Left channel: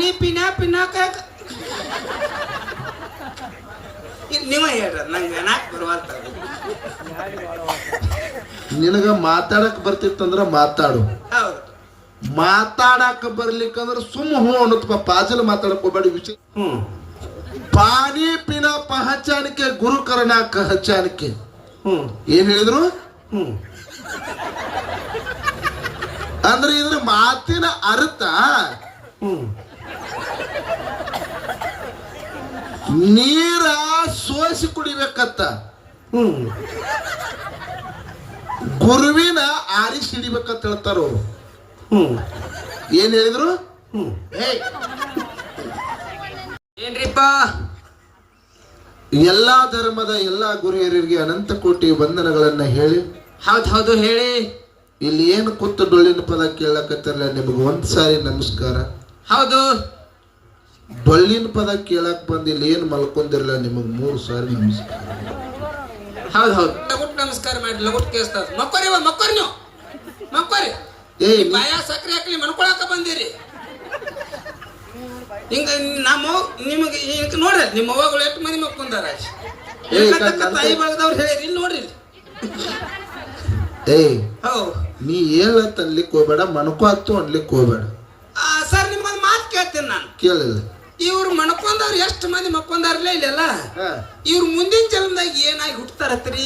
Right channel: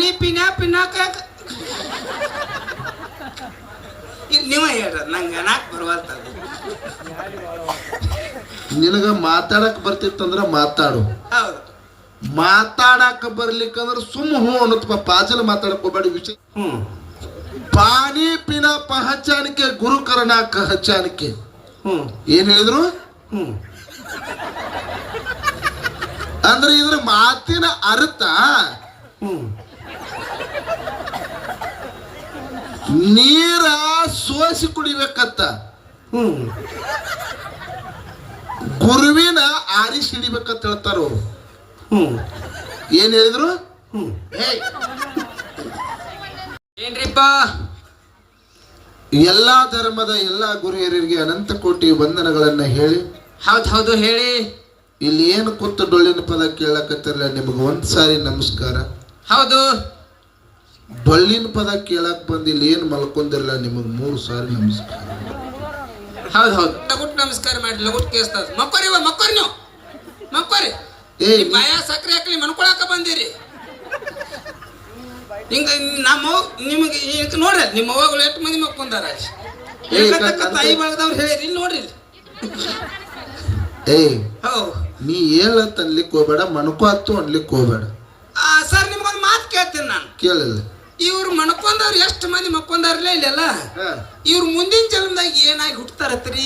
ಪಾನಿ ಪಿನ್ನಾಕ ನೀವ ಹೇಳ್ರ ನಂಗೆ ಅನಾಕ್ ಬರವಲ್ತ. ನಿನಗ ಮಾತಾಡಕ್ ಬರ್ತಿತ್ತಂದ್ರ ಮಾತಾಡು, ಹೌದು. ಮಾತಾಡಕ್ ಬರ್ಲಿಕ್ಕಂದ್ರ ಸುಮ್ಮ ಹೂ ಅನ್ನತ್ಪ. ಪಾಜಲ್ ಮಾತಾಡಕ್ ಹೋಗ್ಬೇಡಿ ವಿಷಯ. ಪಾನಿ ಪಿನ ಪಹಚಾನಿಕೆ ಗುರುಕರಣ ಕಹಚಾನಿಕೆ. ಏನ್ ಹೇಳಿದ್ರು? ಅಂದ್ರೆ ಇದ್ರ ಮಾತಿನ ಅರ್ಥ ನೀರ ಸೋಸಿ ಕುಡಿಬೇಕತ್ತ, ಗುರುವಿನ ಆರಿಸಿ ಹಿಡಿಬೇಕಂತ ಹೇಳ್ತಾರ ಅವರು. ಏನ್ ಹೇಳಿದ್ರು? ಏನ್ರಿಪ್ಪ? ಎಲ್ಲಾ ಧರ್ಮದ ಎಲ್ಲಾ ಗುರುಹಿಯರಿಗೆ ಅನಂತ ಕೋಟಿ ವಂದನಗಳನ್ನ ಹೇಳಿ. ಹೌದು ಹೇಳಿ. ಇಲ್ಲಿ ಏನು ಕೂತು ಡೊಳ್ಳಿನ ಪದ ಕೇಳಕತ್ತಿರಲ್ಲ, ನಿಮಗೆ ಒಂದ್ಸಾರಿ ನಮಸ್ಕಾರ. ಹೌದು. ಡೊಳ್ಳಿನ ಪದ ಕೇಳಕ್ ಬಂದು ಇಲ್ಲಿ ಏನು ಮಲ್ಕೊಂಡಿರಲ್ಲ, ನಿಮಗ್ 3 ಸಾರಿ ನಮಸ್ಕಾರ. ಹೌದು ಲಗುಟ್ ನಮಸ್ಕಾರ ಮಾಡಿ ಲಗುಟ್ ಕೇಳಿಸ್ತದ. ಮಕ್ಕೋರಿ ನೀವು ಮಕ್ಕೋರಿ. ಬಾಯ ಸಕ್ರೆ ಹಾಕಲಿ ಮನ್ಕೊಳಕ ಬಂದಿರಿ. ಹಿಂಗ ನಮ್ಮ ನಿಮಗೆ ನೋಡ್ರಿ ನಿಮ್ಮ ಅವ್ವಗಳು ಎಷ್ಟು ಮಂದಿ ಮಕ್ಕೊಂದಾರ. ತಾಯಿ ಬಾಳದವ್ರು ಹೇಳಿರಿ ನೋಡ್ರಿ. ನೀ ಹೇಳತ್ ಅನ್ಲಿಕ್ಕೆ ಹೋಗ್ಬೇಡ, ಮಣ್ಕೋತ್ತು ಅನ್ಲಿಕ್ಕೆ ಹೋಗ್ಬೇಡ. ಸರ್ ನಿಮ್ಗೊಂದು ಮಾತು ಕೇಳ್ತೀನಿ ನಾನು. ಕೇಳಿಲ್ಲ. ಇವ್ರು ಮಣ್ಕೊಂಡವ್ರು ಎಷ್ಟು ಮಂದಿ ಮಕ್ಕೊಂದಾರಲ್ಲ ಇಲ್ಲೆಲ್ಲ, ಇವ್ರು ಮುಂದಿನ ಜನ್ಮದಾಗ ಏನಾಗಿ ಹುಟ್ಟತಾರತ್ರಿ?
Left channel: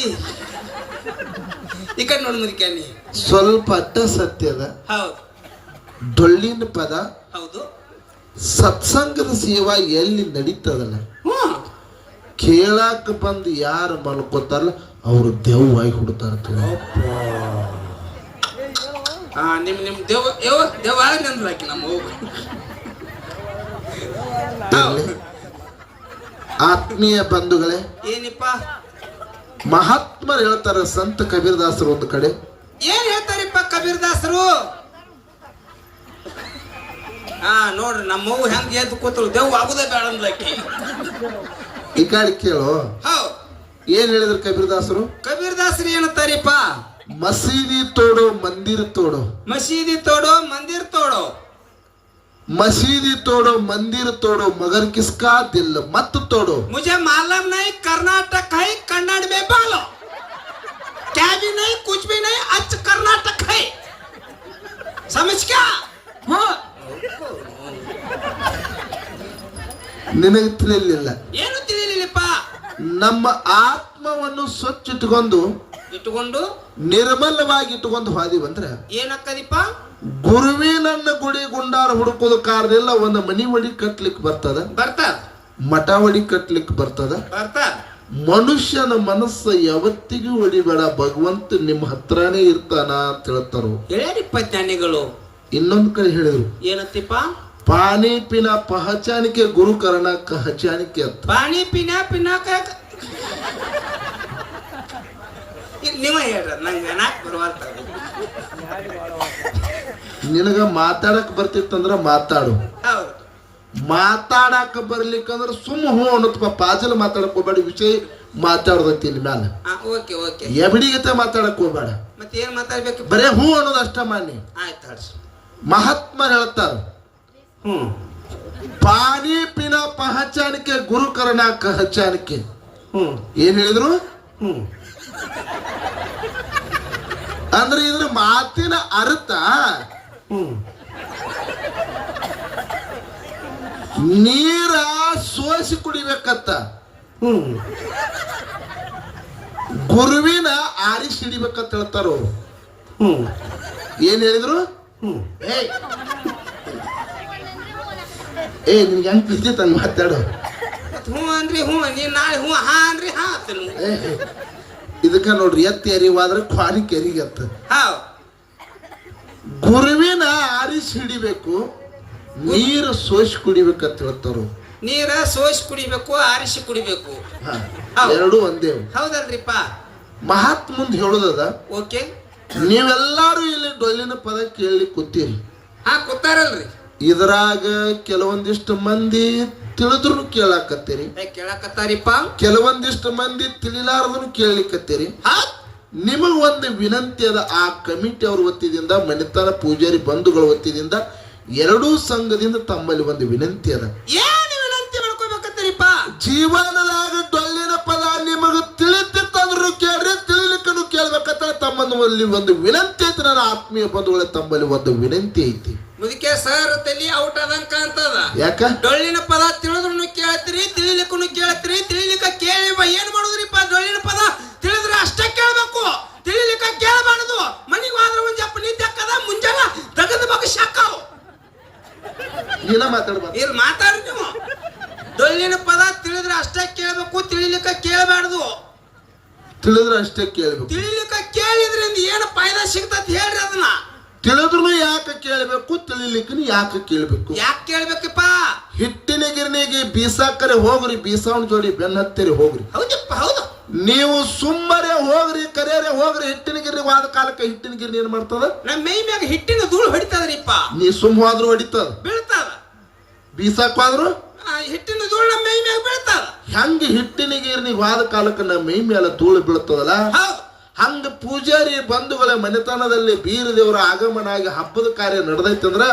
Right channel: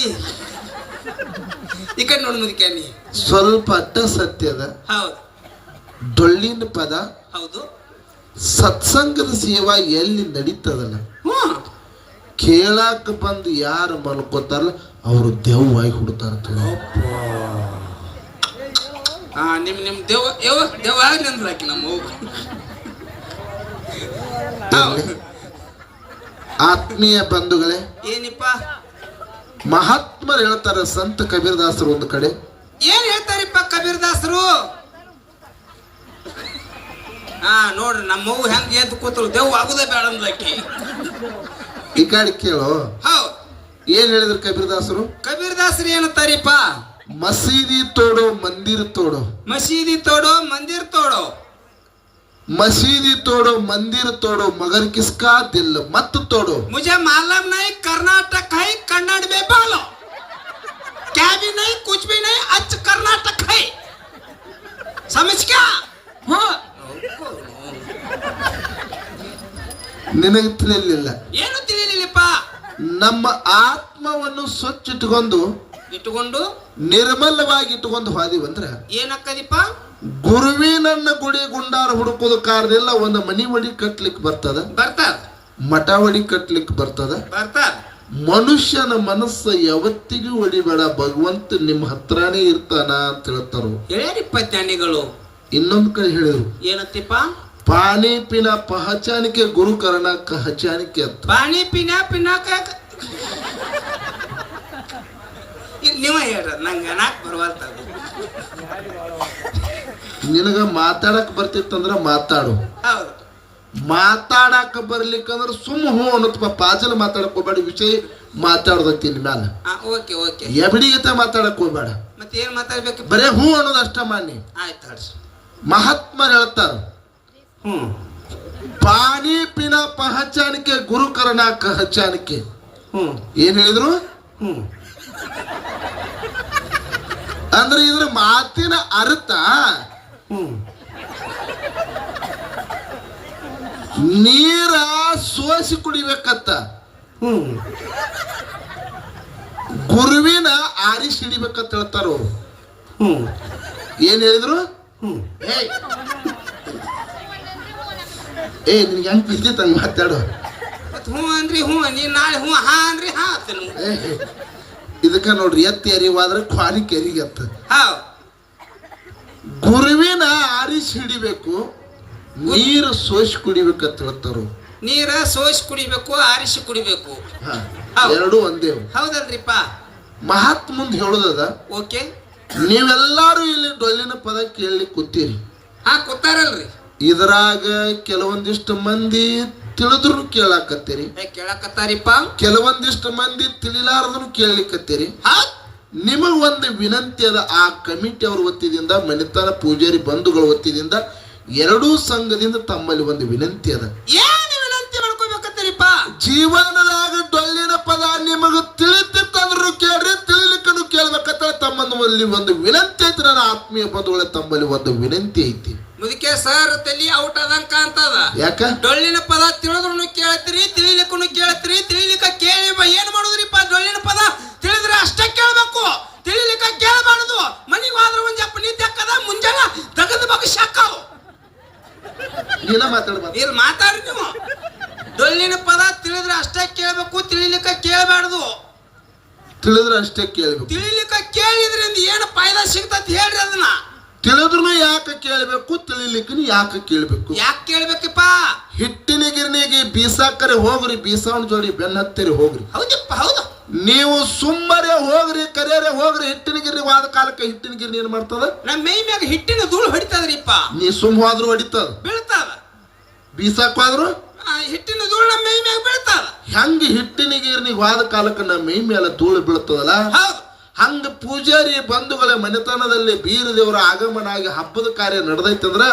ಈ ಕಡೆ ನೋಡಿ ಮುದುಕ್ಯಾನಿ. ಸ್ವಲ್ಪ ಅಡ್ಡ ಸತ್ಯದ. ಹೌದು. ಡೊಳ್ಳಿನ ಪದ. ಹೌದು. ಸತ್ಸಂಗದ ಸೇವಾ ಎಲ್ಲಿ ನಡೀತದಲ್ಲ, ಕೇಳಾಕ ಬಂದು ಯಾರು ಮಲ್ಕೋತಾರಲ್ಲ ಅವರು ದೆವ್ವಾಗಿ ಹುಡ್ತಾರ. ನಿಮ್ ದೇವ ಆಗ್ಲಿ ಅಂದ್ರೆ ಹಾಕಿ ನಮ್ಮ ಹೋಗು. ಆತ್ಮೀಯ ಬಂಧುಗಳೇ, ಏನಿಪ್ಪ ಮಹಾತ್ಮರು ಹೇಳ್ತಾರ, ಸಂತ ಕಬೀರದಾಸರು ಒಂದು ಕಡೆ ಏನ್ ಹೇಳ್ತಾರಿಪ್ಪ ಕಬೀರದಾಸರು? ನೋಡ್ರಿ ನಮ್ಮ ಮಗು ಹೆಂಗ್ ಎದ್ದು ಕೂತರು, ದೇವ್ ಆಗುದೇ ಬೇಡ ಅಂದ್ಲಕ್ಕಿ. ಈ ಕಡೆ ಕೇಳು. ಏನ್ ಹೇಳಿದ್ರು ಕಬೀರದಾಸರು? ಕಬೀರದಾಸರು ಏನಂತಾರಿಪ್ಪ? ಮಸೀದಿ ತೋಡು ಮಂದಿರ ತೋಡು. ಮಸೀದಿ ತೋಡು ಮಂದಿರ್ ತೋಡು. मसीदी तोड़ो मंदिर तोड़ो मगर किसका दिल मत तोड़ो. मुझे मालूम नहीं कर्नाटक है, कन्नड़ में बोलो. क्या भी नहीं कुछ भी नहीं, अच्छ कर्नाटक है. समझ क्या? ನಿನಗೆ ತಿಳಿಲಿಲ್ಲ. ಏನು ತಿಳಿಲಿಲ್ಲಪ್ಪ? ನಮ್ಮ ಆತ್ಮವನ್ನು ಸ್ವಚ್ಛ ಇಟ್ಟುಕೊಂಡು ನಿರ್ಮಲವಾಗಿ ಇಟ್ಟುಕೊಂಡು ಹೋದಿವಂದ್ರೆ ಏನಕ್ಕದಿಪ್ಪ? ಗುರುವಿನನ್ನ ಗುಡಿ ಗುಂಡಾರ ಹುಡುಕೋದು ಕಾರದಿಲ್ಲ. ಒಂದು ಮನಿ ಒಡಿ ಕಟ್ಲಿಕ್ಕೆ ಬರ್ತದ, ಮಠ ಒಡಿ ಕಟ್ಲಿಕ್ಕೆ ಬರ್ತದ. ಮನುಷ್ಯನ ಮನಸ್ಸು ಯಾವತ್ತಿಗೂ ಒಡಿಬೇಡ, ಭಗವಂತ ನಿಮ್ಮ ಹತ್ರನೇ ಇರ್ತಾನ ಅಂತ ಹೇಳ್ತಾರ. ಹೇಳಿಪ್ಪ ಜ್ಞಾನಿಗಳು. ಇನ್ನೊಂದ್ ಕಡೆ ಹೇಳಿದ್ರು, ಏನತ್ತಿಪ್ಪ? ಪಾನಿ ಪಿನ ಪಹಚಾನಿಕೆ ಗುರುಕರಣ ಕಹಚಾನಿಕೆ ಅಂತ. ಪಾನಿ ಪಿನ್ನಾಕ ನೀವ ಹೇಳ್ರ ನಂಗೆ ಅನಾಕ್ ಬರವಲ್ತ. ನಿನಗ ಮಾತಾಡಕ್ ಬರ್ತಿತ್ತಂದ್ರ ಮಾತಾಡು, ಹೌದು. ಮಾತಾಡಕ್ ಬರ್ಲಿಕ್ಕಂದ್ರ ಸುಮ್ಮ ಹೂ ಅನ್ನತ್ಪ. ಪಾಜಲ್ ಮಾತಾಡಕ್ ಹೋಗ್ಬೇಡ, ವಿಷಯ ಮಾತಾಡ್ದತಿ ಇನ್ ಮ್ಯಾಲ. ಎಬಡಿಗತೆ ಮಾತಾಡಕ್ ಹೋಗ್ಬೇಡ. ಮತ್ತೆ ಏನ್ ಮಾತಾಡ್ಬೇಕು? ಬರೇ ಹೂ ಅನ್ನೋದು ಅಷ್ಟ ಮಾಡಿ. ಆಯ್ತು. ಮಹಾತ್ಮರು ಹೇಳ್ತಾರ, ಪಾನಿ ಪಿನ ಪಹಚಾನಿಕೆ ಗುರುಕರಣ ಕಹಚಾನಿಕೆ. ಏನ್ ಹೇಳಿದ್ರು? ಅಂದ್ರೆ ಇದ್ರ ಮಾತಿನ ಅರ್ಥ ನೀರ ಸೋಸಿ ಕುಡಿಬೇಕತ್ತ, ಗುರುವಿನ ಆರಿಸಿ ಹಿಡಿಬೇಕಂತ ಹೇಳ್ತಾರ ಅವರು. ಏನ್ ಹೇಳಿದ್ರು? ನಿನ್ಗೆ ಹೆಂಗ್ ಬಿದ್ದಿತ್ತ ಮಾತಾಡು. ಹ್ಞೂ ಅಂದ್ರಿ ಹ್ಞೂ, ನೀನ್ ನಾಳೆ ಹ್ಞೂ ಹಾ ಅಂದ್ರಿ ಹಾ. ಇದಕ್ಕ ನೋಡ್ರಿ, ಎತ್ತಿ ಅರಿವಾದ್ರೆ ಕ್ವಾರಿ ಕೆರಿಗತ್ತ. ಗುರುವಿನ ಆರಿಸಿ ಹಿಡಿಬೇಕು, ನೀರು ಸೋಸಿ ಕುಡಿಬೇಕಂತ ಹೇಳ್ತಾರು. ನೀರ ಸೋಸಿ ಕುಡಿಬೇಕು, ಆರಿಸಿ ಕುಡಿಬೇಕು, ಎರಡು ಒಂದೇ. ಹೌದಲ್ರಿಪ್ಪ? ಮಹಾತ್ಮ ಮುಂದೆ ಹೇಳೋದದ. ಓಕೆ. ನೀವೆಲ್ಲಾರು ಇಲ್ಲಿ ಡೊಳ್ಳಿನ ಪದ ಕೇಳಿ ಕೂತೀರಿ. ಕೂತಾರಲ್ರಿ. ಇದ್ರಾಗ ಕೆಲವೊಂದಿಷ್ಟು ಮಂದಿ ತಿಳಿದ್ರು ಕೇಳಾಕತ್ತೀರಿ, ಕೇಳಾಕತ್ತಾರಿಪ್ಪ. ಕೆಲವೊಂದಿಷ್ಟು ಮಂದಿ ತಿಳಿಲಾರದನ್ನು ಕೇಳಲಿಕ್ಕತ್ತೀರಿ. ನಿಮಗ್ ಒಂದು ವಿನಂತಿ ಅದ. ಆ ಕಮಿಟಿ ಅವ್ರ ವತಿಯಿಂದ, ಮಣಿತಾನ ಪೂಜಾರಿ ಬಂಧುಗಳ ವತಿಯಿಂದ ಎರಡೂ ಸಂಘದಿಂದ ತಮ್ಮಲ್ಲಿ ಒಂದು ವಿನಂತಿ ಅದ. ಏನು ವಿನಂತಿ ಮಾಡ್ಕೋಬೇಕತ್ತೀರಿಪ್ಪ? ಜೀವನದಾಗ ಡೊಳ್ಳಿನ ಪದ ನಿಮಗ ತಿಳಿತಿತ್ತಂದ್ರು ಕೇಳ್ರಿ, ತಿಳಿಲಿಕ್ಕನು ಕೇಳ್ಬೇಕತ್ತ ತಮ್ಮಲ್ಲಿ ಒಂದು ವಿನಂತಿ ಐತಿ. ನನ್ನ ಆತ್ಮೀಯ ಬಂಧುಗಳ ತಮ್ಮಲ್ಲಿ ಒಂದು ವಿನಂತಿ ಐತಿ. ಮುದಕ್ಕೆ ಸರ್ ತಲಿ ಔಟ್ ಅದಂಕ ಅಂತದ. ಯಾಕ? ಡೊಳ್ಳಿನ ಪದ ತಿಳಿದ್ರು ಕೇಳ್ತೀರಿ, ತಿಳಿಲಿಕ್ಕೂ ಕೇಳ್ತೀರಿ. ತಿಳಿಲಿಕ್ಕ ಕೇಳಿ ಏನ್ ಮಾಡುದ್ರಿಪ್ಪ? ಡೊಳ್ಳಿನ ಪದ ತಿಳಿದ್ರೆ ಅಷ್ಟೇ ಕೇಳ್ಬೇಕು, ತಿಳಿಲಿಕ್ಕ ಕೇಳಬಾರದು. ಮನಿಗೆ ಹೋದ್ರೆ ಒಂದ್ ಜಪ್ಪ ನಿದ್ದೆ ಹಾಕದ, ಮುಂಜಾನೆ ತೆಗೆದ ಬಗ್ಗೆ ಶಾಕಾವು. ನೀನ ಮಾತಾಡ್ಬಾರ್ದು. ಇಲ್ಲಿ ಮಾತಾಡ್ರಿ ನೀವು. ಡೊಳ್ಳಿನ ಪದ ತಿಳಿದ್ರೆ ಅಷ್ಟೇ ಕೇಳ್ಬೇಕು, ತಿಳಿಲಿಕ್ಕ ಕೇಳಬಾರ್ದು. ತಿಳಿದ್ರೆ ಅಷ್ಟೇ ಕೇಳ್ಬೇಕು. ತಿಳಿಲಿಕ್ಕ ಕೇಳಿದ್ರಿಂದ ಏನು ಫಾಯ್ದಾ ಸಿಗ್ತತ್ ಹೇಳ್ರಿ ಅದನ್ನ. ತಿಳಿದ್ರು ಯಾಕೆ ಕೇಳ್ಬೇಕು, ತಿಳಿಲಿಕ್ಕೂ ಯಾಕೆ ಕೇಳ್ಬೇಕು? ಯಾಕೆ ಕೇಳ್ಬೇಕಪ್ಪ? ಹಿಟ್ಟಿನ ಗಿರಣಿಗೆ ಬೀಸಾಕರೆ ಹೋಗ್ರಿ, ಬೀಸಾವನ್ ಜೋಡಿ ಬೆನ್ನತ್ತರಿ ಹೋಗ್ರಿ. ಹೌದಪ್ಪ, ಹೌದು. ನೀವು ಸುಮ್ಮನೆ ಹೋಗ್ರಿ, ಕರೆಯರೆ ಹೋಗ್ರಿ. ಹಿಟ್ಟಿನ ಗಿರಣಿ ವಾದ ಕಾಲಕ್ಕೆ ಹಿಟ್ಟಿನ ಗಿರಣಿ ಏನ್ ಮಾಡ್ತದ? ನಮ್ಮ ಮೈ ಮ್ಯಾಗ ಹಿಟ್ಟಿನ ಧೂಳು ಹೊಡಿತದ್ರಿಪ್ಪ. ನೀ ಸುಮ್ಮ ಹೋದ್ರು ಹೊಡಿತದ, ಬೀಳ್ತದ. ಬೀಸಾಕ್ ಹೋದ್ರು ಹಿಟ್ಟಿನ ಧೂಳು ನಮ್ಮ ಮೈ ಮ್ಯಾಗ ಬೀಳ್ತದ. ಹೆಂಗ ಹಿಟ್ಟಿನ ಗಿರಣಿ ವಾದ ಕಾಲಕ್ಕೆ ನಮ್ಮ ಮೈ ಮೇಲೆ ಧೂಳು ಬೀಳ್ತದಲ್ಲ, ಹೌದು. ಹಂಗ ಪೂಜಾರಿ ಬಂಧುಗಳ ಮನೆತನದಲ್ಲಿ ಬೀರ ದೇವರ ಆಗಮನ ಆಗಿ ಹಬ್ಬದ ಕಾರ್ಯ ನಡೆದೈತೆ ಅಂದ್ರ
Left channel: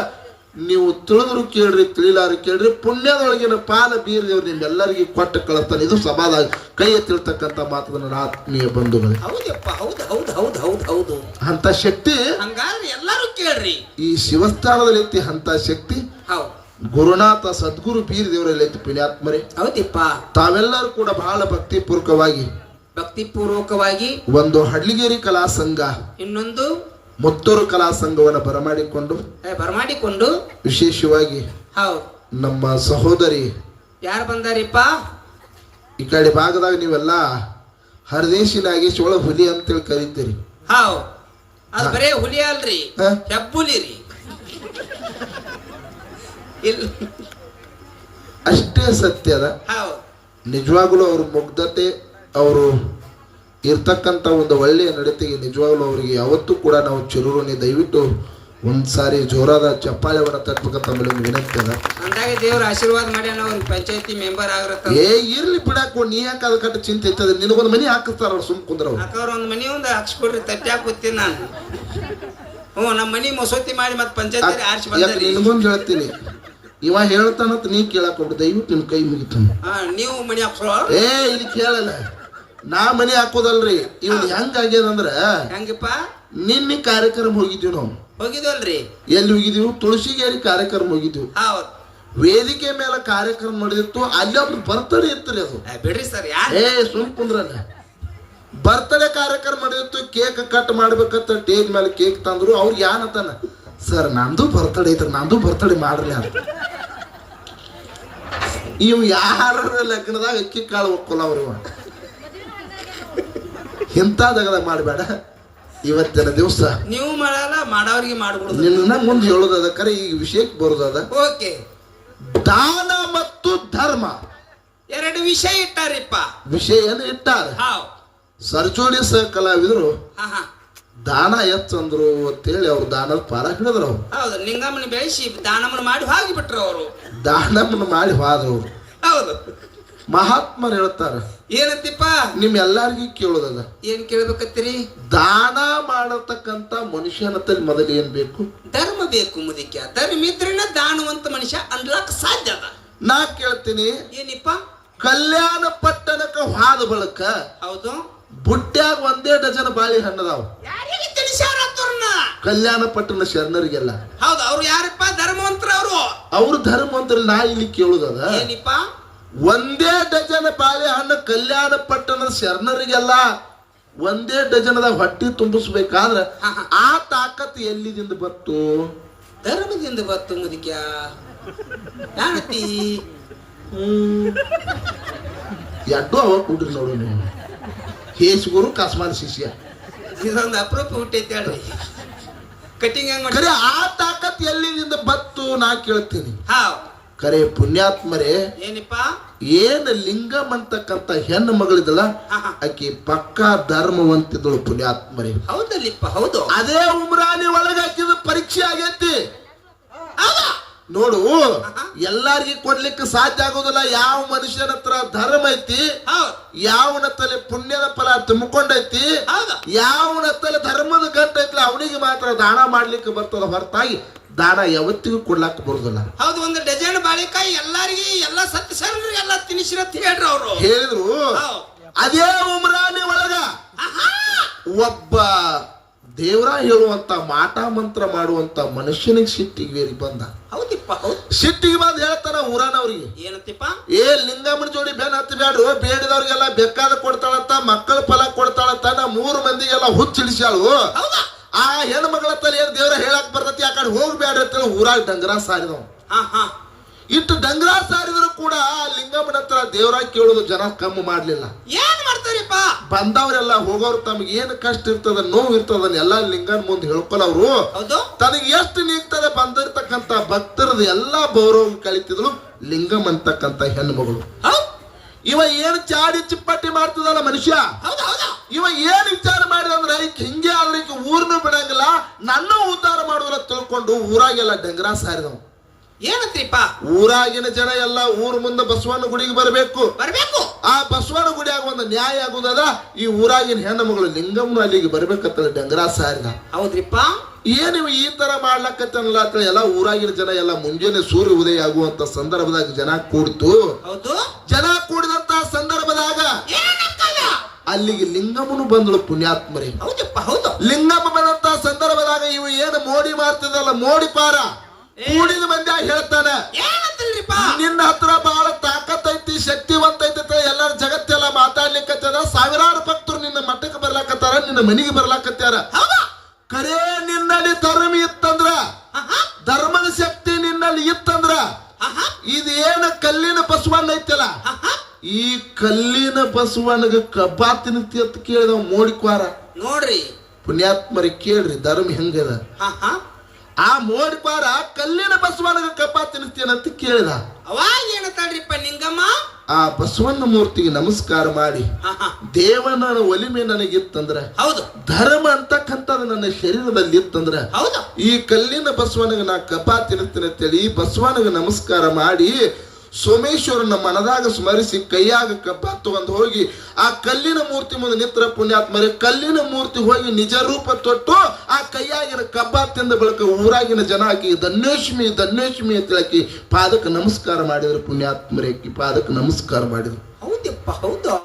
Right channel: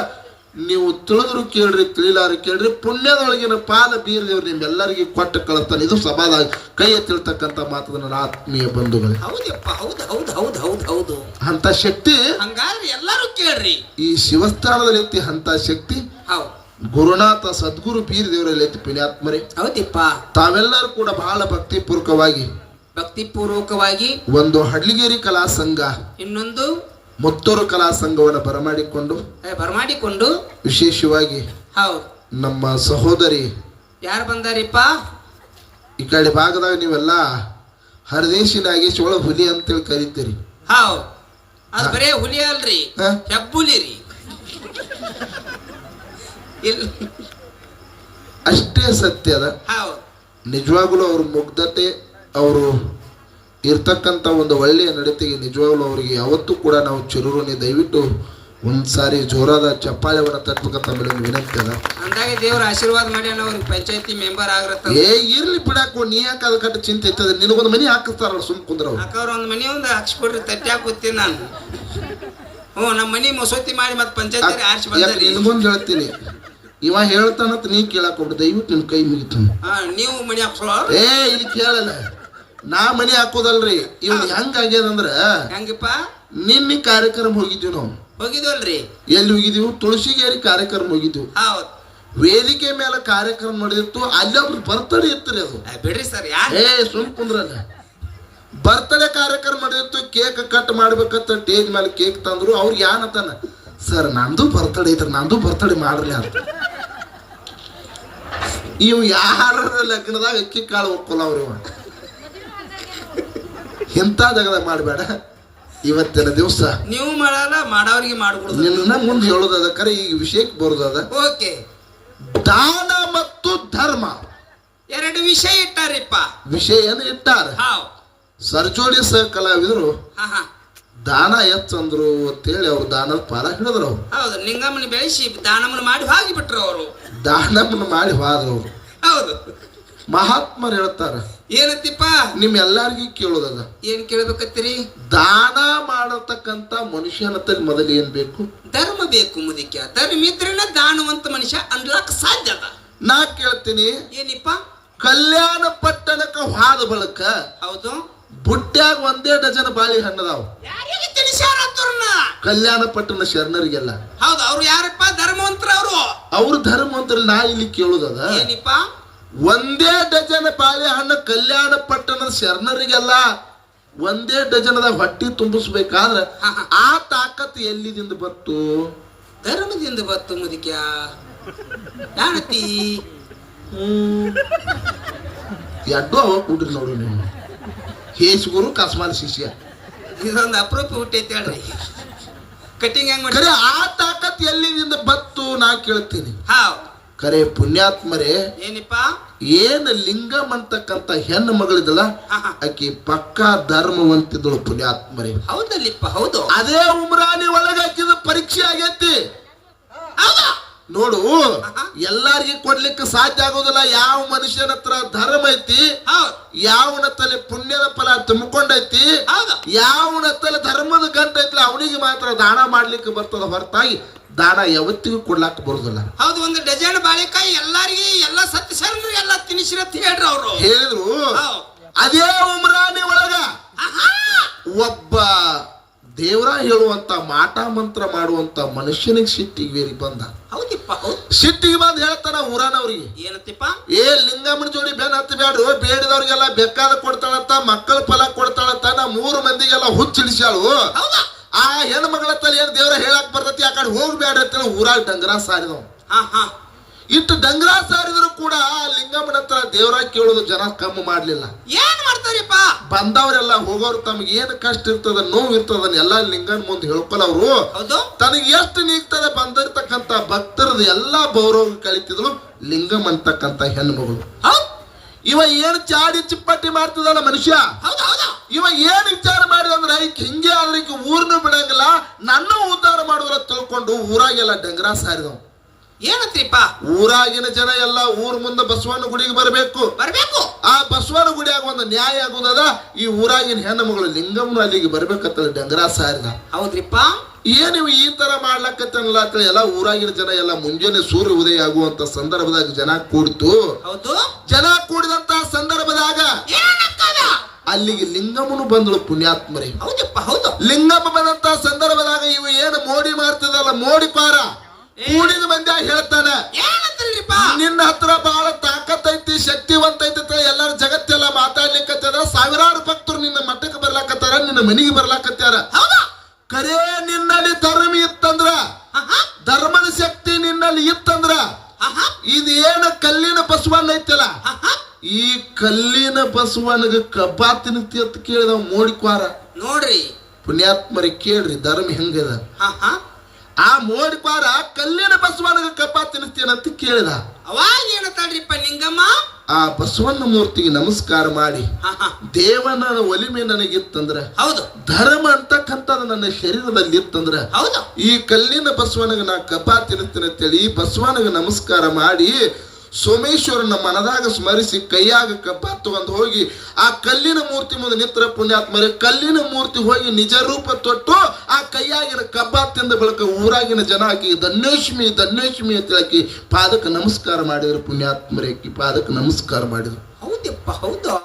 ನೀವು ತಿಳಿದ್ರು ಕೇಳ್ರಿ, ತಿಳಿಲಾರು ಕೇಳ್ರಿ. ಪುಣ್ಯದೊಳಗಿನ ಪಾದ ಬೀರ ದೇವ್ರು ನಿಮ್ಮೆಲ್ಲರಿಗೆ ಕೊಟ್ಟು ಕಳಿಸ್ತಾನೆ. ಇದು ಸಭಾದಾಗ ಕೈ ಎತ್ತಿರ್ತಕ್ಕಂಥ ಮಾತದ ನನ್ನ ಆತ್ಮೀಯ ಬಂಧುಗಳು. ಹೌದಪ್ಪ, ಹೌದು ಹೌದು ಹೌದು ಹೌದು ಹೌದು. ಅಂತ ಶಕ್ತಿ ಹಂಗಾದ್ರೆ ಎಲ್ಲರೂ ಕೇಳ್ರಿ. ಈ ಶಿವಸ್ಥಾನದಲ್ಲಿ ಐತಿ. ಅಂತ ಶಕ್ತಿ ಹೌದು. ಗುರುನಾಥ ಸದ್ಗುರು ಬೀರ ದೇವರಲ್ಲಿ ಐತಿ. ಪುಣ್ಯಾತ್ಮರೇ, ಹೌದಪ್ಪ. ತಾವೆಲ್ಲರೂ ಕೂಡ ಬಹಳ ಭಕ್ತಿಪೂರ್ವಕವಾಗಿ ಒಂದು ಹಡ್ಲಿಗೇರಿ ಕಲಾ ಸಂಘ, ಇನ್ನೊಂದು ಮುತ್ತೂರು ಕಲಾ ಸಂಘವನ್ನು ಬರಮಾಡಿಕೊಂಡು ವಿಶೇಷವಾಗಿ ಹೌದು ನಮ್ಮ ಸಹೋದರಿ ಯಾರು ಬಂದಾರಿಪ್ಪ? ಈ ಕಡೆ ಭಾಗದಾಗ ನೀವೆಲ್ಲ ಹರದೇಶಿನಾಗಿ ಚೋಳ ಹುಲಿ ಅಂತೇಳಿ ಕರಿತೀರಿ. ಹೌದು. ಅದು ಬರೇ ಹುಲಿ ಅಲ್ರಿ, ಹೆಬ್ಬುಲಿ ರೀ. ಅಷ್ಟೇ ಸತ್ಯ ಅದ. ಹೌದು. ನಿಜವಾಗ್ಲೂ ಅವ್ರ ಮುಗ್ಧತೆ, ಅವರು ಇರ್ತಕ್ಕಂಥ ಒಂದು ಒಳ್ಳೆಯ ನಡತೆಗೆ ನಿಜವಾಗ್ಲೂ ಅವ್ರಿಗೆ ಯಾವತ್ತೂ ಕೂಡ ನಾವು ಚಿರುರುನಿ ದಯವಿಟ್ಟು ಒಂದ್ಸಾರಿ ಜೋರಾದ ಚಪ್ಪಾಳೆವನ್ನ ತಟ್ಟಬೇಕಂತ ಒಂದು ವಿನಂತಿ ಅದ. ಅಂದಾಗ ದೇವ್ರ ಆಶೀರ್ವಾದ ಮಾಡಿ ಅವ್ರಿಗೆ ಪಂಚಾಯತಿ ಮೆಂಬರ್ ಆಗಿರತ್ತ. ಇರ್ಲಿ ಬಿಡಾಕು, ನೀ ಯಾಕೆ ಅದ ಕಟ್ಟ ಚಿಂತೆ ಇರ್ತದೆ. ನಿನಗೊಂದು ಮನಿ ಹಾಕಿಸ್ತಾರ, ಸುಮ್ ಕುಂದ್ರ. ಒಂದು ಮನಿ ಒಂದು ಹಚ್ಕೊಡ್ರಿ, ತಟ್ಟ್ಯಾಕ ಕೂತೀನಿ ನಾನು. ನಮ್ಮ ಮನಿ ಮಸೂತಿ ಮಾಡಿ ಮತ್ತೆ ಪಂಚಾಯತಿ ಆರಿಸಿ ಬಂದ್ರಿ. ಇನ್ನೊಂದು ಹೇಳ್ತೀನಿ, ಇವ ಹೇಳ್ತಾನಂತ ನೀ ಕೇಳಕ್ ಹೋಗ್ಬಿಟ್ಟು ದಯವಿಟ್ಟು ನಿಮ್ ಕೈ ಮುಗಿತಾನ. ನೀವು ಮನಿ ಹಾಕ್ಸೋ. ಇಲ್ಲಿ ಕೇಳಲ್ಲ, ನಾ ಮನಿ ಹಾಕೋದಲ್ರಿ. ಇವ್ನು ಹೆಂಗಾಗ್ಯದಂದ್ರ, ಹೆಂಗಪ್ಪ? ನಿನ್ನೆ ಕಾರ್ಯಕ್ರಮ ಹೋಗಿದ್ವಿ ನಾವು. ಹೋಗಿದ್ವಲ್ರಿ? ಎಲ್ಲಿ ಹೋಗಿದ್ವಿ? ತುಳಸಿಗೇರಿ ಕಾರ್ಯಕ್ರಮ ಹೋಗಿದ್ವಿ. ಹೌದು. ವೇದಿಕೆ ಮೇಲೆ ಕಾರ್ಯಕ್ರಮ ನಡೆದಿತ್ತು. ಅಲ್ಲಿ ಒಬ್ರು ಬರ್ತಡೇ ಇತ್ತು. ಅದು ಬಿಡ್ರಿ ಸರ್, ಸುಮ್ ಕುಂದ್ರಲ್ಲ. ಬರ್ತಡೇ ಕಾರ್ಯಕ್ರಮ ನಡೆದಿತ್ತು. ಕೇಕ್ ಕಟ್ ಮಾಡ್ಬೇಕಂತ ಟೇಜ್ ಮೇಲೆ ಕೇಕ್ ತಂದ್ರು. ಅವ್ರಿಗೆ ಏನಂತಾನ, ಸರ್ ನಂದು ಬರ್ತಡೇ ಐತ್ರ, ನಂದು ಬರ್ತಡೇ ಮಾಡ್ರಿ ಅಂತ. ಇವ್ ಯಾರ ಲಗ್ನದಾಗ ಅಕ್ಕಿ ಕಾಳು ಒಪ್ಪಲ್ಲ ಅವ್ರು. ಇಂಥ ಜಗದಾಗ ಮಾಡಬೇಡ. ಇವತ್ತಿನ ದಿವಸ ನೀವು ಮಾಡಲ್ಲ, ಮಾಡೋರಿಗೆ ಮಾಡ್ಬಿಡುದು. ನಿನ್ನ ಮುಂದೆ ಹೇಳೋದದ ಕರೆ, ಈಗ ವಿಷಯಕ್ಕೆ ಬರೋದದ. ಓಕೆ. ದಾನ ಮತ್ತು ಧರ್ಮ ಎರಡು ವಿಷಯ ಇಟ್ಟಾರಿಪ್ಪ. ವಿಷಯನ ಇಟ್ಟಾರ. ಸರ್ಜೋಡಿ ಸಹ ಕಲಾವಿದರು ದಾನ ಹೆಚ್ಚಂದ್ರು ಅಂತೇಳಿ ಅವ್ರು ದಾನದ ಪಾಲ ಹಿಡಿದ್ರು. ಅವ್ರು ಹೌದು. ಲಿಂಗಮ್ಮನ ಬೆಳೆಸಿ ದಾನಮ್ಮನ ಮಾಡಿ ಹೋಗಿಬಿಟ್ರು. ಅವರು ದಾನಮ್ಮನ ಮಾಡಿ ಹೋದ್ರು. ಹೌದು. ಮಹಾತ್ಮರು ಹೇಳ್ತಾರ ಏನಂತಿಪ್ಪ? ನಿಮ್ ಎಲ್ಲಾರ್ಗಿ ಕೇಳೋದದ. ಏನ್ ಕೇಳ್ಬೇಕತ್ತೀರಿ? ದಾನ ಮಾಡತಕ್ಕಂತ ಮನುಷ್ಯನತ್ತ ಮೊದಲು ಏನ್ ಬೇಕು? ಧರ್ಮ ಬೇಕು ಮುದಿಕ. ಧರ್ಮ ಇದ್ರನ್ನ ದಾನವಂತ ಮನುಷ್ಯ ಅನ್ಲಾಕ್ ಸಾಧ್ಯ ಅದ. ನಾ ಕೇಳ್ತೀನಿ, ಏನಿಪ್ಪ? ಕಲ್ಯಾಣ ಪಟ್ಟಣಕ್ಕ ಹಾದ ಬಳಕ ಹೌದು ಬುಟ್ಟ್ಯಾಗ 1 ಡಜನ್ ಬಾಳಿ ಹಣ್ಣದಾವ್. ಯಾರಿಗೆ ತಿಳಿಸ್ಯಾರ? ಕಲ್ಯಾಣ ಪಟ್ಟಣ ಶರಣರಿಗೆಲ್ಲ. ಹೌದು. ಅವ್ರು ಯಾರಪ್ಪ? ಧರ್ಮವಂತರ. ಅವ್ರು ಧರ್ಮವಂತರ. ನಾ ಇಲ್ಲಿ ಕೇಳುದದ, ಏನಿಪ್ಪ? 1 ಡಜನ್ ಬಾಳೆ ಹಣ್ಣು ಕಲ್ಯಾಣ ಪಟ್ಟಣದ ಶರಣರಿಗೆಲ್ಲ 1 ಡಜನ್ದಾಗ ಹೊಟ್ಟಿ ತುಂಬಿಸ್ಬೇಕಾದ್ರ ಆ ತಾಕತ್ ಎಲ್ಲಿದಿಂದ ಬತ್ತು? ಧರ್ಮದಿಂದ ಬತ್ತು ಮುದಿಕ. ಯಾನತಿ ಎಡ್ಡು ಅವ ಕೂಡ್ರಿ ನೋಡು ನೀವು. ಹೇಸುಗುರು ಕಸ್ಮಾನ್ ಶಿಷ್ಯ. ಇದೊಂದು ಅಪರೂಪ ಹುಟ್ಟೈತಿ ಹೇಳ್ರಿ. ಕಟಿಂಗ್ ಹೆಂಗ್ ಮಾಡಿ ಆ ತಾಕತ್ ಎಲ್ಲಿದಿಂದ ಬತ್ತು ನಾ ಕೇಳ್ತೀನಿ. ಹಾವ್ ಕರೆ ಪುಣ್ಯಾತ್ಮರೇ, ಏನಿಪ್ಪ? ಏನ್ ಲಿಂಗಮ್ ಅಂತಕ್ಕಂತ ಹೆಣ್ಣು ಮಗಳಿದಲ್ಲ, ಆಕಿ ಪಕ್ಕಾ ಧರ್ಮವಂತಿದ್ದಳು. ಪುಣ್ಯಾತ್ಮರೇ, ಹೌದಲ್ಲಿಪ್ಪ. ಹೌದು. ಅದೇ ಉಮ್ರಾನಿ ಒಳಗೆ ಹಾಕಿದ ಪರೀಕ್ಷೆ ಆಗೈತಿ. ನೋಡು ಎಲ್ಲಾರ್ಗಿ ಕೊಡ್ಲಿಕ್ಕೆ ಸಾಧ್ಯ ಆಗೋದಿಲ್ಲ. ಯಾವ ಮನುಷ್ಯನ ಹತ್ರ ಧರ್ಮ ಐತಿ, ಯಾವನ ತಲೆ ಪುಣ್ಯದ ಫಲ ತುಂಬಿಕೊಂಡೈತಿ, ಯಾವನ ತಲೆ ಧರ್ಮದ ಗಂಟ ಐತಿ ಅವನಿಗೆ ಮಾತ್ರ ದಾನ ಮಾಡ್ಲಿಕ್ಕೆ ಬರ್ತದ ಹೊರತಾಗಿ ದಾನ ಯಾವತ್ತಿಗೂ ಕೊಡ್ಲಾಕ ಬರುದಿಲ್ಲ. ಹೌದು, ಒಂದು ಡಜನ್ ಬಾಳೆಕಾಯಿ ಎಲ್ಲಾರಿಗೆ ಎಲ್ಲ ಸತ್ಯ ಸೇರಿ ಎಲ್ಲ ತಿನಿಸಿರ ಹೇಳ್ರಿ ಅವರು ಹೇಳಿದ್ರು. ಅದೇ ಉಮ್ರಾನಿ ಒಳಗ ಒಬ್ಬ ದೇವರ ಹೇಳುವಂತ ಮಾಟ ಮಂತ್ರ ಮಾಡುವಂತ ಮನುಷ್ಯನಿಗೆ ಸಿಟ್ಟಿಗೆ ಬೇರೆ ಬಂದ. ಹೌದಿಪ್ಪ, ಸಿಟ್ಟಿಗೆ ಬಂದ್ ಹೇಳ್ತಾರ ಊರಾನವ್ರಿಗೆ, ಏನತ್ತಿಪ್ಪ, ಲಿಂಗಮ್ಮನ ಜೋಡಿ ಬೆನ್ ಹತ್ತಿ ಬ್ಯಾಡ್ರು, ಬೇಡಿದವ್ರಿಗೆಲ್ಲ ಬೇಕಾದ ಕೊಡ್ತಾಳಂತ, ಮಕ್ಕಳ ಫಲ ಕೊಡ್ತಾಳಂತ, ನಾ 3 ಮಂದಿಗೆಲ್ಲ ಹುಚ್ಚಿಡಿಸ್ಯಾಳು. ಆ ಹೆಣ್ಮಗಳ ತಲೆ ಏನ್ ದೇವ್ರ ಹೇಳಕ್ ಬರ್ತೈತಿ, ಆ ಕಡೆ ಹೋಗ್ಬೇಡ್ರಿ ಅಂತ ಊರಾಗ ಡಂಗರ ಸಾರಿದವ್. ಇಟ್ಟು ಡಂಗರ ಸಾರಿದ್ರು ಕೂಡ ಲಿಂಗಮ್ಮನ ಹತ್ರ ದೇವರ ಕೇಳೋದು ಜನ ಕಮ್ಮಿ ಮಾಡ್ಲಿಲ್ಲ. ಏನ್ ಮಾಡ್ತಾರಿಪ್ಪ, ಬಂದವರೆಲ್ಲ ಹೋಗೋರು ತಮಗೆ ಏನ್ ಕಷ್ಟ ಇರ್ತದ, ನೋವು ಇರ್ತದ ಎಲ್ಲ ಲಿಂಗನ್ ಮುಂದೆ ಹೇಳ್ಕೊಳವ್ರು. ತನಗೆ ಎಷ್ಟು ನೀಗ್ತದೆ ಬಂದಿರ್ತಕ್ಕಂತ ಭಕ್ತರದು ಎಲ್ಲಾ ಗೌರವ ಕಳಿತಿದ್ರು ಲಿಂಗಮ್ ಅಂತಕ್ಕಂತ ಹೆಣ್ಣು ಮಗಳು. ಇವ ಏನ್ ಚಾಡಿ ಚಿಪ್ಪಟ್ಟಿ ಮಾಡ್ತದಲ್ಲ ಮನುಷ್ಯ, ಇವ ಏನ್ ವಿಚಾರ ಮಾಡಿದಂದ್ರ ಹಿಂಗೆ ಆದ್ರೆ ಊರ್ನು ಬಿಡಂಗಿಲ್ಲ, ನನ್ನ ಉದ್ಧಾರ ಮಾಡುದ್ರ ತಿಳ್ಕೊಂಡು ಊರಾಗೆಲ್ಲ ಡಂಗರ ಸಾರಿದವ್. ಏನತ್ರಿಪ್ಪ, ಊರಾಗಿನ ಜನ ಎಲ್ಲ ಊರ್ ಮುಂದೆ ಬಸವನ ಗುಡಿಗೆ ಬರಬೇಕು. ಆ ಬಸವನ ಗುಡಿಯಾಗ ಒಂದು ನ್ಯಾಯ ಆಗುದದ, ಈ ಊರಾಗಿನ ಹೆಣ್ಣು ಮಗಳು ಲಿಂಗಮ್ಮನ ಅಲ್ಲಿಗೆ ಬರ್ಬೇಕಂತ ಡಂಗರ ಸಾರಿದ. ಹೌದ್ರಿಪ್ಪ, ಏನಿವ್ ಈ ತರ ಮಾಡ್ಲಕ್ಕತ್ತಲ್ಲ ಎಲ್ಲ ಊರಾಗಿನ ಜನ ಎಲ್ಲ ಮುಂಜಾನೆ ಸೂರ್ಯ ಉದಯ ಆಗುವಂತ ಸಂದರ್ಭದಾಗ ಜನ ಕೂಡ್ತು. ಜನ ಕೂಡಿದಂತ ಸಂದರ್ಭದಾಗ ಅಲ್ಲಿಗೆ ಲಿಂಗಮ್ಮನು ಬಂದಳು ಪುಣ್ಯಾತ್ಮರಿ. ಲಿಂಗಮ್ಮ ಬಂದಂತ ಸಂದರ್ಭದಾಗ ಇವು ಏನು ಮೋಡಿ ಮಾಡ್ತದಲ್ಲ, ಮೋಡಿ ಪಾರ ಕೂಡಿದ ಮಂದಿ ಹೇಳ್ತಾನ, ನಿನ್ನ ಹತ್ರ ಬಹಳ ತಾಕತ್ತೈತಿ, ಶಕ್ತಿವಂತ ಐತಿ, ಎಲ್ಲಾರ ಜಗತ್ತೆಲ್ಲ ಮಾತಾಡ್ಲಿಕ್ಕತ್ತದ, ಸಾವಿರಾರು ಭಕ್ತರು ನಿನ್ನ ಮಠಕ್ಕೆ ಬರ್ಲಾಕತ್ತಾರ, ನಿನ್ನ ಮನೆಗೆ ಬರ್ಲಾಕತ್ತಾರ. ಕರೇ ನಿನ್ನಲ್ಲಿ ಧರ್ಮ ಇತ್ತಂದ್ರ, ಧರ್ಮದ ಶಕ್ತಿ ನಿನ್ನಲ್ಲಿ ಇತ್ತಂದ್ರ, ಇದು ಏನು ಕಲ್ಲಿನ ಬಸವಣ್ಣ ಐತಲ್ಲ, ಈ ಕಲ್ಲಿನ ಬಸವನಿಗೆ ಕಬ್ಬಾ ತಿನ್ತಿ ಅಂತ ಕೇಳಿದ ಮೋಡಿಕ್ವಾರ. ನೋಡ್ರಿ ಪುಣ್ಯಾತ್ಮರಿ ಕೇಳ್ರಿ ಧರ್ಮ ಹೆಂಗದ. ಆ ಮೋಡಿಕ್ವಾರ ಕಲ್ಲಿನ ಬಸವನಿಗೆ ಕಬ್ಬಾ ತಿನ್ನಿಸ್ತೇನಂತ ಕೇಳಿದ. ಅವಾಗ ಏನಂತಾಳ್ರಿಪ್ಪ ಲಿಂಗಮ್ಮ, ಆ ಬಸವಣ್ಣ ಮೂರ್ತಿಗೆ ನಮಸ್ಕಾರ ಮಾಡಿ, ದೇವನ ಒಲಿಮೆ ನನಗಿತ್ತಂದ್ರ, ಧರ್ಮ ಅಂತಕ್ಕಂಥದ್ದು ನನ್ನ ಶರೀರದಲ್ಲಿ ಇತ್ತಂದ್ರ, ಈ ಕಲ್ಲಿನ ಬಸವನಿಗೆ ನಾ ಕಬ್ಬಾ ತಿನ್ನಿಸ್ತೇನೆ ಅಂತೇಳಿ ಈ ಬಸವನಿಗೆ ನಮಸ್ಕಾರ ಮಾಡಿ ಸೋಮೇಶ್ವರನ ಮನದಾಗ ಸ್ಮರಿಸಿ ಕೈಯಾಗ ಕಬ್ಬ ತಗೊಂಡು ಹೋಗಿ ಆ ಕಲ್ಲಿನ ಮೂರ್ತಿ ಮುಂದೆ ನಿಂತರ ಪುಣ್ಯಾತ್ಮರಿ ಕಲ್ಲಿನ ಮೂರ್ತಿ ಹೋಗಿ ನಿಜ ರೂಪ ತೊಟ್ಟು ಆ ಕೈಯಾಗಿನ ಕಬ್ಬ ತಿಂದ ಬಳಿಕ ಊರಾಗಿನ ಜನ ಆಕಿ ಧನ್ಯೋಷ್ಮಿ ಧನ್ಯೋಷ್ಮಿ ಅಂತ ಹೇಳಕಿ ಪಾದಕ್ಕೆ ನಮಸ್ಕಾರ ಮಾಡಿದ್ರು. ಪುಣ್ಯಾತ್ಮರಿ ಪಾದಕ್ಕೆ ನಮಸ್ಕಾರ ಮಾಡಿದ್ರು. ಹೌದಪ್ಪ, ಹೌದು.